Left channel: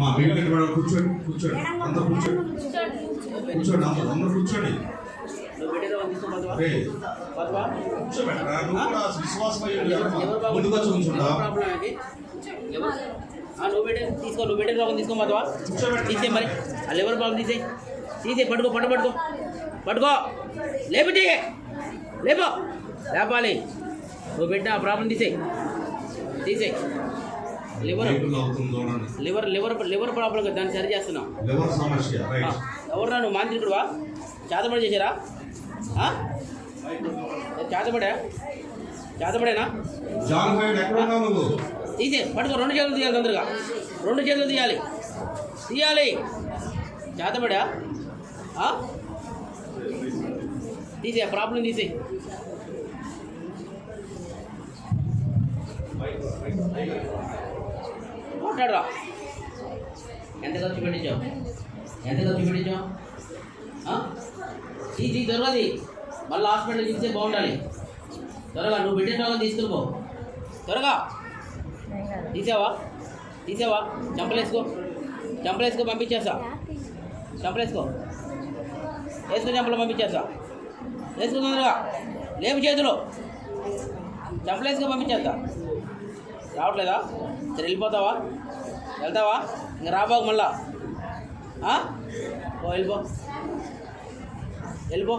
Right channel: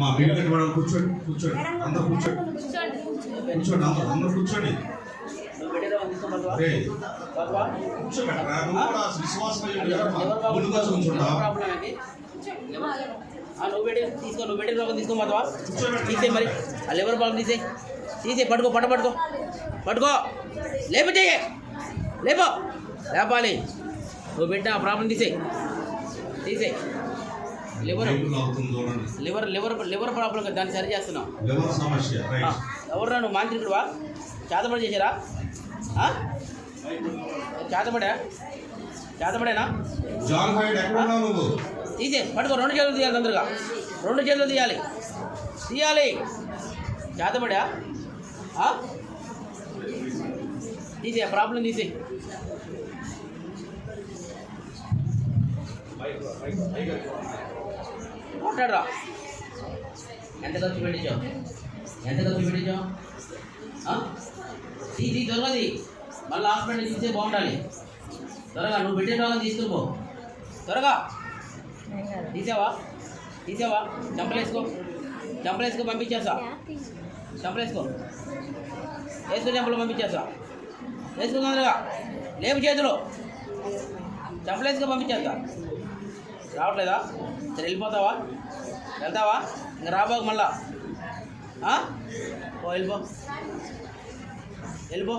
మా మీరు కూర్చోండి కూర్చోండి అందరూ కూర్చోండి కూర్చోండి అందరూ కూర్చోండి నువ్వు పెట్టే రోగం తీసుకోమాతవా తీసే మరి ఆ లెవెల్ ప్రాబ్లం తీసే పట్టుకో పట్టుకో లేపితే లేపాలి నువ్వు పెట్టిన ఆ ప్రాబ్లం తీసే లివర్ ప్రాబ్లం దాన్ని సరి చేస్తున్నావు. ఎవరు నువ్వు మాంత్రికుడువా? చేతబడి చేశారా? చేతబడేనా? తీసే పట్టుకో 2 చేతులు తీయాలి తొందరగా 2 చేతులు తీయాలి చేతబడా తీసే ప్రాబ్లం తీసే మాట్లాడరా. ఎంత ఖర్చు పెట్టించావు తీసి త్వరగా మళ్ళీ హాస్పిటల్ తీసే బాగుండాలి. త్వరగా నువ్వు పెట్టిన వాళ్ళని తీసుకుపో త్వరగా. తీసావా చంపలేసుకో పంపించేస్తా. చంపలు పంపించేస్తా. వేసుకో తొందరగా లేపు చేతులు చంపలేసుకో పంపించేస్తా. రావట్లేదా? సరే వెళ్తావా ఇంకా రాబాకు మళ్ళా. వెళ్ళిపో